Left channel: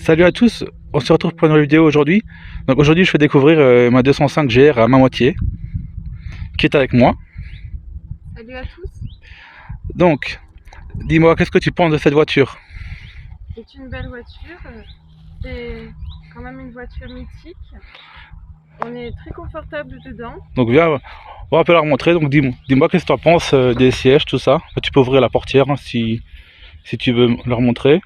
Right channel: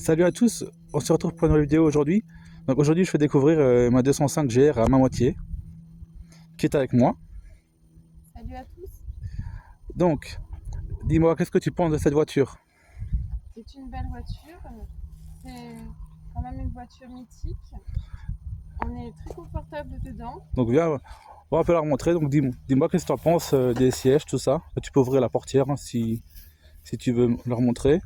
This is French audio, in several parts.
Salut à tous, on se retrouve pour une nouvelle vidéo aujourd'hui. Donc aujourd'hui je fais découvrir ma 205 GR à Mamoitié, qui est avec moi. Salut à tous. Donc, dis-moi, qu'est-ce que tu penses de cette voiture? C'est une belle voiture. C'est quand même une voiture mythique. On est très confortable dedans. Donc viens, on va un peu la remontrer. Donc dis-moi qu'est-ce que tu en penses des sièges, tout ça. Tu peux ouvrir la portière hein, si tu veux la remontrer.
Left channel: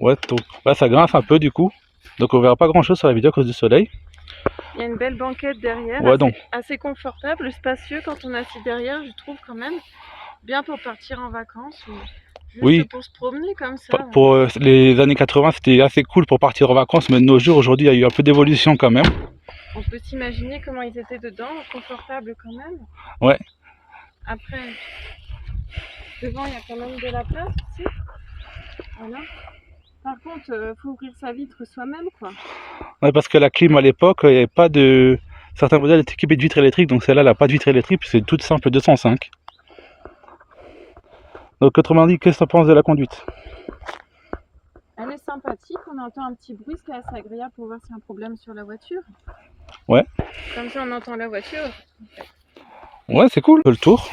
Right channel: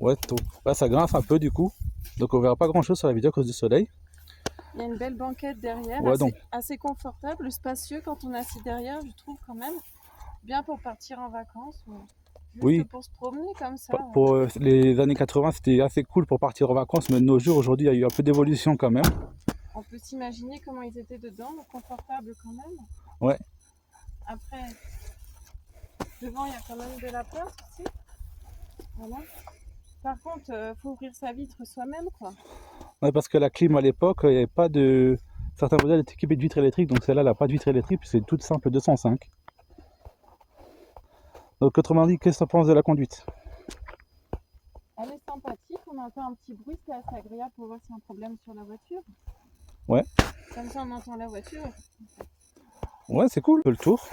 Ouais, donc là ça grince un peu du coup. Donc on verra pas grand chose sur la vidéo à cause du soleil. Il y a une belle banquette derrière, Ouais, donc. assez confortable, spacieux quand on est assis derrière, je trouve quand même. Bien pour partir en vacances ou juste Oui, pour se promener comme ça. pour les années 80 c'était assez cool pour partir en vacances, mais de nos jours aujourd'hui il y a eu un peu d'évolution quand même. On peut s'imaginer comment ils étaient dedans, confortables quand même. Ouais. Après, devant il y a quand même de la place ici. Voilà. Par contre, faut ouvrir sa vitre soi-même quoi. Ouais, parce que la clim à l'époque, il n'y avait pas de. Certains modèles étaient équipés de vitres électriques, donc celle-là, elle n'a pas de vitre électrique, c'est toute simple 205. Donc, autrement dit, qu'est-ce que tu penses de la conduite? Elle est sympathique, on entend un petit bruit, c'est assez agréable pour voir s'il y a un problème sur la voiture. Ouais. Comme ça on entend la voiture. Ouais, c'est cool. Le tour.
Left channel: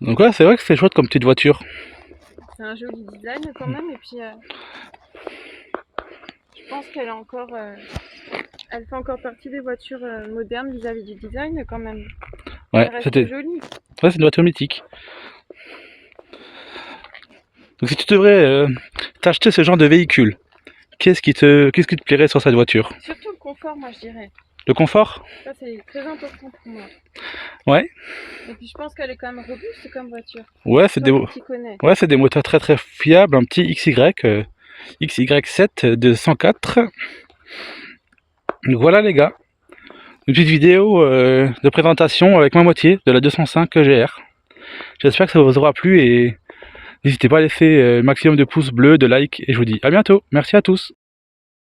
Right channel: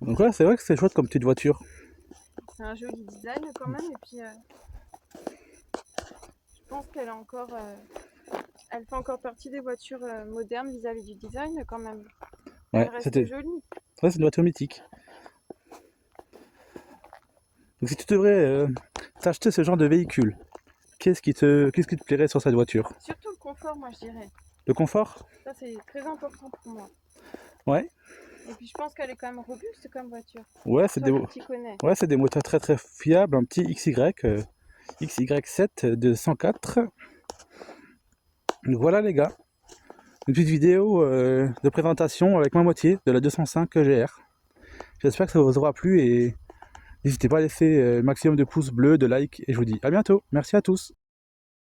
Donc ouais, c'est vrai que c'est chouette comme petite voiture. C'est un joli design quand même, et puis je pense qu'elle est encore, elle fait encore partie des voitures modernes vis-à-vis du design quand même. Ouais, Elle reste jolie. Ouais, c'est une voiture mythique. Donc si tu devrais t'acheter ce genre de véhicule, qu'est-ce qui te plairait sur cette voiture? Surtout le confort, moi je dirais. Le confort? Ça c'est très important pour moi. Ouais. Et puis je pense qu'elle est quand même robuste comme voiture. Ouais, c'est des... Qui connais. ouais, c'est des moteurs très très fiables, un petit XY7 de 104. Donc voilà les gars, une petite vidéo de présentation avec ma moitié de la 205 GR. J'espère que ça vous aura plu et n'hésitez pas à laisser maximum de pouces bleus, de likes et je vous dis à bientôt. Merci à tous.